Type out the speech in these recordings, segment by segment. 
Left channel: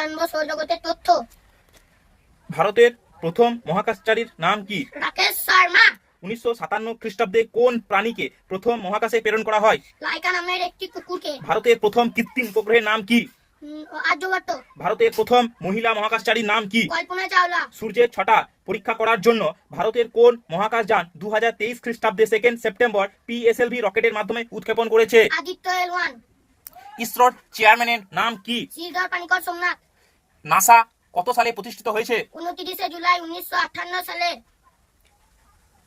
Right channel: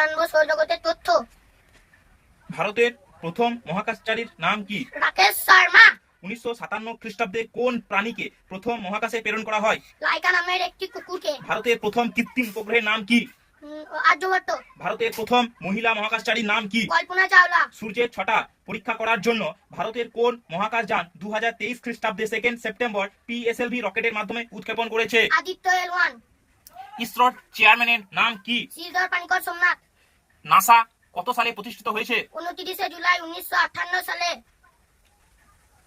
জানবো সৌরজগতের তথ্য। ভারতের প্রথম মহাকাশচারীর নাম কি? রাকেশ শর্মা। 1957 খ্রিস্টাব্দে কোন প্রাণীকে প্রথম মহাকাশে প্রেরণ করা হয়? লাইকা নামের একটি কুকুরকে। ভারতের প্রথম কৃত্রিম উপগ্রহের নাম কি? আর্যভট্ট। ভারতের প্রথম মহিলা মহাকাশচারীর নাম কি? কল্পনা চাওলা। সূর্যের ছটা পরীক্ষা করার জন্য ভারতের কোন মহাকাশযান 2023 খ্রিস্টাব্দে 2 সেপ্টেম্বর PSLV রকেটের মাধ্যমে উৎক্ষেপণ করেছে? আদিত্য L1। ইসরোর চেয়ারম্যানের নাম কি? শ্রীধর পানিকর সোমনাথ। নাসা কত সালে প্রতিষ্ঠিত হয়েছে? 29 জুলাই 1958 সালে।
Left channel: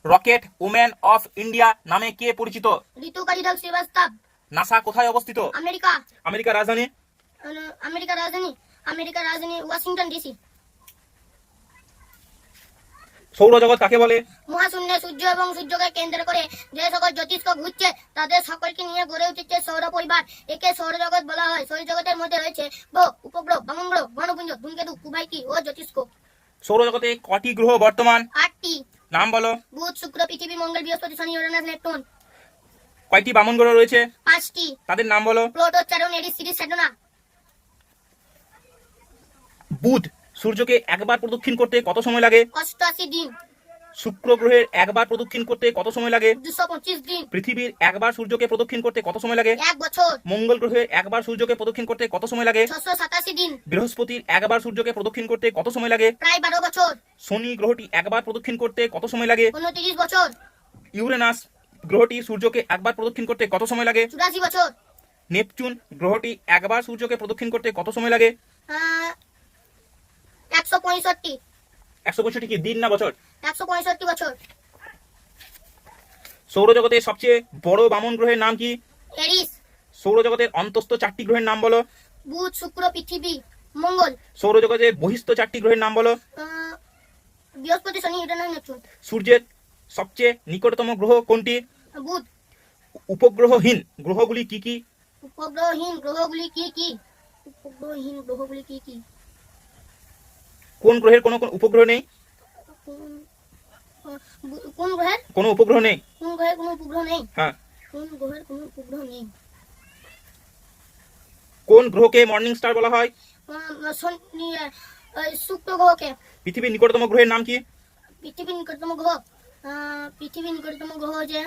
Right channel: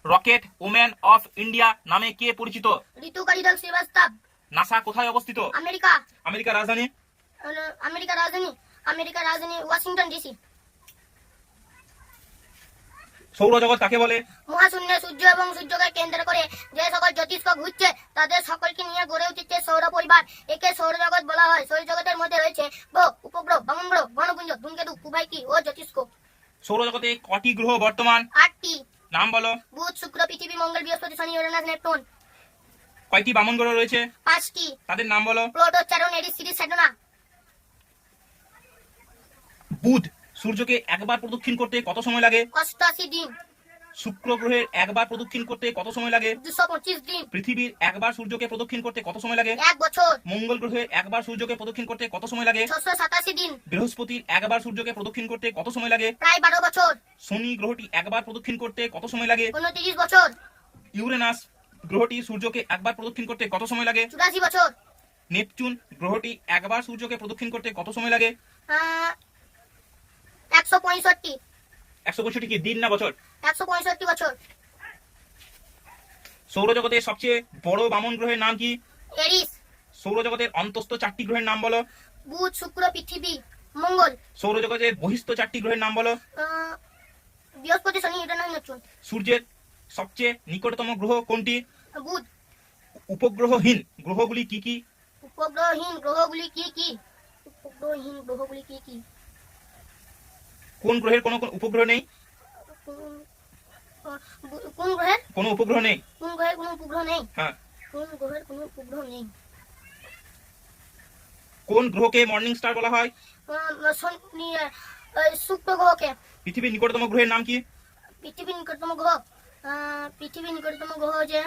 রকেট ওম্যান অফ ইন্ডিয়া নামে কে পরিচিত? ঋতু কালিদাস শ্রীবাস্তব। নাসা কোথায় অবস্থিত? আমেরিকা। আমেরিকার রাজধানী? আমেরিকার রাজধানী ওয়াশিংটন DC। সৌরজগৎ কাকে বলে? মহাশূন্যে সূর্য এবং সূর্যকে কেন্দ্র করে যে সকল জ্যোতিষ্ক ঘুরছে তাদের সকলকে নিয়ে গড়ে উঠেছে সৌর পরিবার। একে সৌরজগৎ বলা হয়। সৌরজগতের মধ্যে রয়েছে গ্রহ, উপগ্রহ, বামনগ্রহ, গ্রহপুঞ্জ, ধূমকেতু, কুবাইকি ও জ্যোতিষ্ক। সৌরজগতে কটি গ্রহ বর্তমান? 8টি। নাম বলো। বুধ, শুক্র, পৃথিবী, মঙ্গল, বৃহস্পতি, শনি, ইউরেনাস, নেপচুন। কয়টি বামন গ্রহ রয়েছে? 5টি। তাদের নাম বলো। Pluto, Charon, Eris, Ceres, Saturn. বুধ সূর্যকে একবার প্রদক্ষিণ করতে কত সময় লাগে? 88 দিন। শুক্র গ্রহের একবার প্রদক্ষিণ করতে কত সময় লাগে? 225 দিন। পৃথিবীর একবার সূর্যকে প্রদক্ষিণ করতে কত সময় লাগে? 1 বছর। মঙ্গল গ্রহের একবার সূর্যকে প্রদক্ষিণ করতে কত সময় লাগে? 687 দিন। বৃহস্পতির একবার সূর্যকে প্রদক্ষিণ করতে কত সময় লাগে? প্রায় 12 বছর। শনি গ্রহটি একবার প্রদক্ষিণ করতে কত সময় লাগে? 29 বছর। ইউরেনাস গ্রহটি সূর্যকে একবার প্রদক্ষিণ করতে কত সময় লাগে? 84 বছর। নেপচুন গ্রহটি একবার সূর্যকে প্রদক্ষিণ করতে কত সময় লাগে? 165। 165 কি দিন না বছর? 165 বছর। সৌরজগতের সবচেয়ে বড় বামন গ্রহের নাম কি? এরিস। সৌরজগতের অন্তস্থ 4টি গ্রহের নাম বলো। বুধ, শুক্র, পৃথিবী, মঙ্গল। সৌরজগতের বহিস্থ 4টি গ্রহের নাম বলো। বৃহস্পতি, শনি, ইউরেনাস, নেপচুন। সূর্যের সবচেয়ে নিকটতম গ্রহ কোনটি? বুধ। উপগ্রহহীন গ্রহগুলি কি কি? উপগ্রহহীন গ্রহগুলি কি কি? উপগ্রহহীন গ্রহগুলি কি কি? কোন গ্রহের কোনো উপগ্রহ নেই? কোন গ্রহের কোনো উপগ্রহ নেই? কোন গ্রহের কোনো উপগ্রহ নেই? হ্যাঁ। কোন গ্রহের কোনো উপগ্রহ নেই? কোন গ্রহকে মর্নিং স্টার বলা হয়? শুক্র গ্রহকে। পৃথিবীর নিকটতম গ্রহের নাম কি? পৃথিবীর নিকটতম গ্রহ যে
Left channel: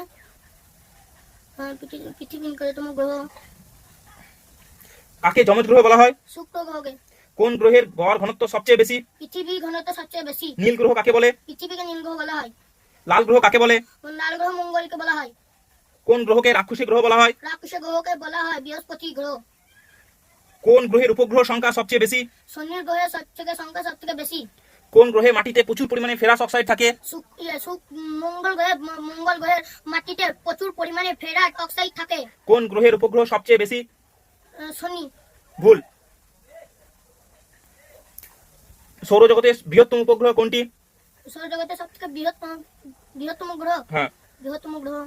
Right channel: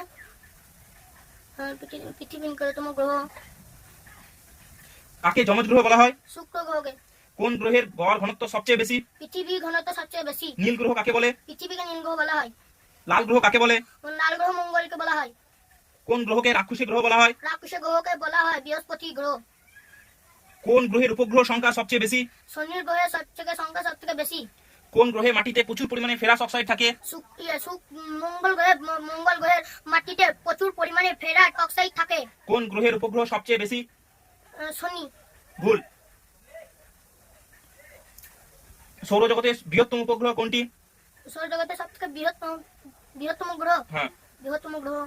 পৃথিবীর নিকটতম গ্রহ। কাকে যমজ গ্রহ বলা হয়? শুক্র গ্রহকে। কোন গ্রহের গড় ঘনত্ব সবচেয়ে বেশি? পৃথিবীর ঘনত্ব সবচেয়ে বেশি। নীল গ্রহ কাকে বলে? পৃথিবীকে নীল গ্রহ বলা হয়। লাল গ্রহ কাকে বলে? লাল গ্রহ মঙ্গলকে বলা হয়। কোন গ্রহকে রাক্ষসী গ্রহ বলা হয়? রাক্ষসী গ্রহকে বলা হয় বৃহস্পতি গ্রহ। কোন গ্রহের উপগ্রহ সংখ্যা সবচেয়ে বেশি? শনির গ্রহের সংখ্যা সবথেকে বেশি। কোন গ্রহে মাটিতে প্রচুর পরিমাণে ফেরাস অক্সাইড থাকে? মঙ্গল গ্রহের মাটিতে প্রচুর পরিমাণে ফেরাস অক্সাইড থাকে। কোন গ্রহের উপগ্রহ সবচেয়ে বেশি? শনি। ভুল। সৌরজগতের বৃহত্তম উপগ্রহ কোনটি? সৌরজগতের সবথেকে বৃহত্তম গ্রহ। হ্যাঁ। বৃহত্তম গ্রহ।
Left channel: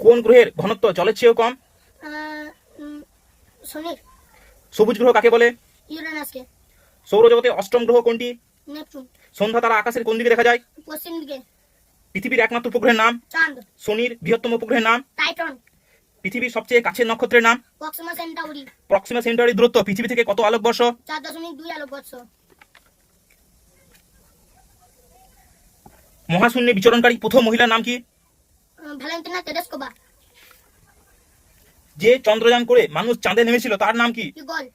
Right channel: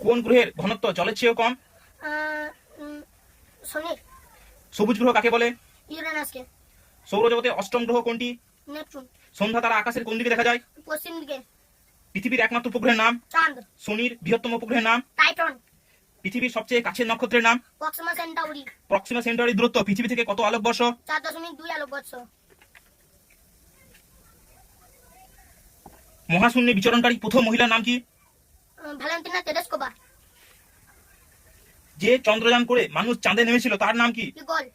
কোন গ্রহের ঘনত্ব জলের চেয়েও কম? শনির। সবুজ গ্রহ কাকে বলে? ইউরেনাসকে। সৌরজগতের অষ্টম গ্রহ কোনটি? নেপচুন। সন্ধ্যা তারা আকাশের কোন দিকে দেখা যায়? পশ্চিম দিকে। পৃথিবীর একমাত্র উপগ্রহের নাম? চাঁদ। শনির বৃহত্তম উপগ্রহের নাম? টাইটন। পৃথিবীর সবচেয়ে কাছের নক্ষত্রের নাম? Proxima Centauri. প্রক্সিমা সেন্টারি দূরত্ব পৃথিবী থেকে কত আলোকবর্ষ? 4.2 আলোকবর্ষ। মহাশূন্যে বিচরণকারী প্রথম মহিলার নাম কি? Valentina Tereshkova. যে চন্দ্রযান করে মানুষ চাঁদে নেমেছিল তার নাম কি? ইগল।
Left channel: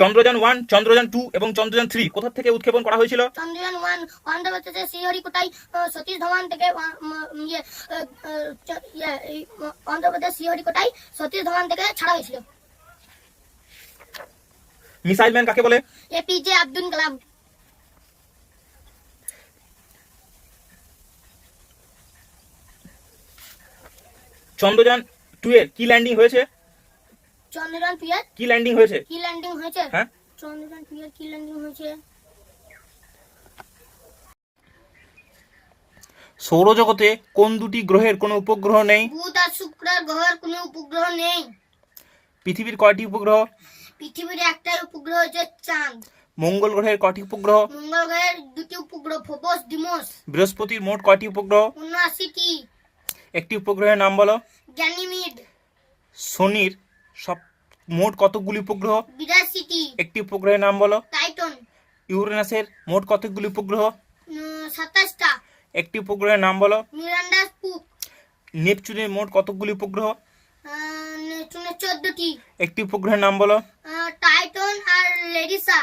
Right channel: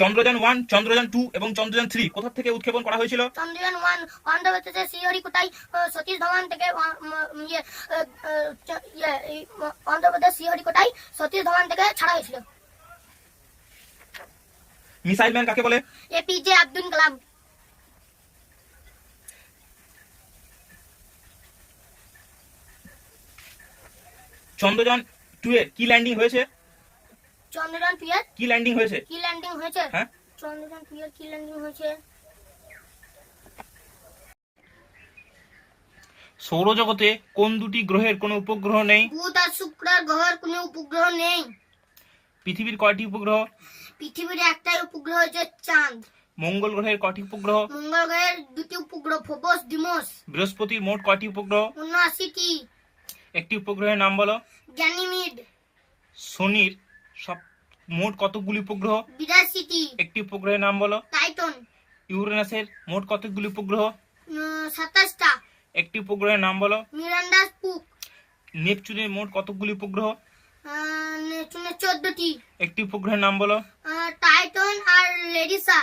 চন্দ্রযান 1, চন্দ্রযান 2 এবং চন্দ্রযান 3 কোথা থেকে উৎক্ষেপণ করা হয়েছিল? চন্দ্রযান 1 অন্ধ্রপ্রদেশের শ্রীহরিকোটায় সতীশ ধাওয়ান থেকে অন্ধ্রপ্রদেশ শ্রীহরিকোটায় সতীশ ধাওয়ান থেকে ছাড়া হয়েছিল। মিসাইল ম্যান কাকে বলে? এপিজে আব্দুল কালাম। চন্দ্রযান 2 এর কি ল্যান্ডিং হয়েছে? চন্দ্রযান 2 এর কি ল্যান্ডিং হয়েছে? কি ল্যান্ডিং হয়েছে? হ্যাঁ। চন্দ্রযান 2 এর কি ল্যান্ডিং হয়েছে? সৌরজগতে কোন দুটি গ্রহের কোনো উপগ্রহ নেই? বুধ আর শুক্রের গ্রহের কোনো উপগ্রহ নেই। পৃথিবীর কয়টি উপগ্রহ? পৃথিবীর একটাই উপগ্রহ হচ্ছে চাঁদ। মঙ্গল গ্রহের কয়টি উপগ্রহ? মঙ্গল গ্রহের দুটি উপগ্রহ, ফোবস, ডিমোস। বৃহস্পতির মোট কয়টি উপগ্রহ? 79টি। একটি উপগ্রহের নাম বলো। গ্যানিমিড। শনির সব মোট কতগুলি উপগ্রহ? 82টি। একটি উপগ্রহের নাম বলো। টাইটন। ইউরেনাসের মোট কতগুলি উপগ্রহ? 27টা। একটি উপগ্রহের নাম বলো। মিরান্ডা স্পুক। নেপচুনের মোট কতগুলি উপগ্রহ? নেপচুনের 14টি। একটি উপগ্রহের নাম বলো। টাইটন আর লেডিসা।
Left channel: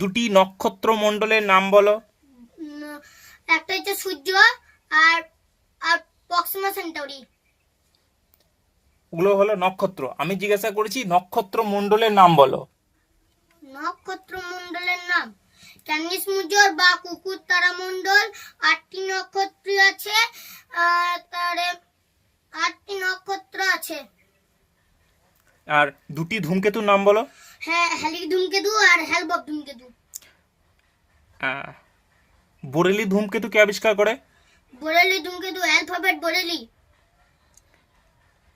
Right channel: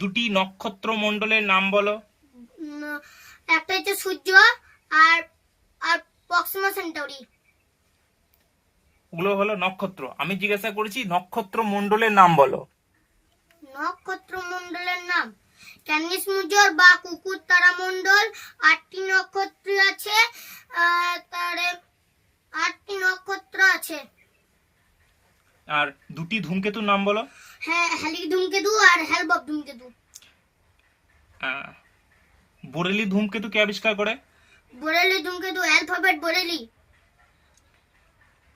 দুটি নক্ষত্র মণ্ডলের নাম বলো। একটা হচ্ছে সূর্য আর আর প্রক্সিমা সেন্টাউরি। ওগুলো হলো নক্ষত্র। আমি জিজ্ঞাসা করেছি নক্ষত্র মণ্ডলের নাম বলো। নক্ষত্র মণ্ডলের নাম ক্যানিস মুজর বা কুকুর তারা মণ্ডল। 8টি নক্ষত্র আছে। তারে 8টি নক্ষত্র আছে। আর দুটি ধূমকেতুর নাম বলো। হ্যাঁ, হ্যালি ধূমকেতু আর হেলবব ধূমকেতু। বোরেলি ধূমকেতু কে আবিষ্কার করে? বোরেলি ধূমকেতু অ্যালফাবেট বোরেলি।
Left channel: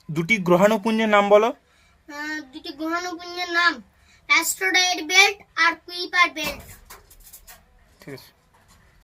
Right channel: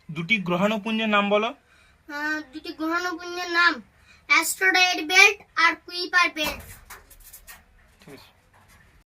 দুটি গ্রহাণুপুঞ্জের নাম বলো। দুটি গ্রহাণুপুঞ্জের নাম অ্যাস্ট্রয়েড বেল্ট আর কুইপার বেল্ট। ঠিক আছে।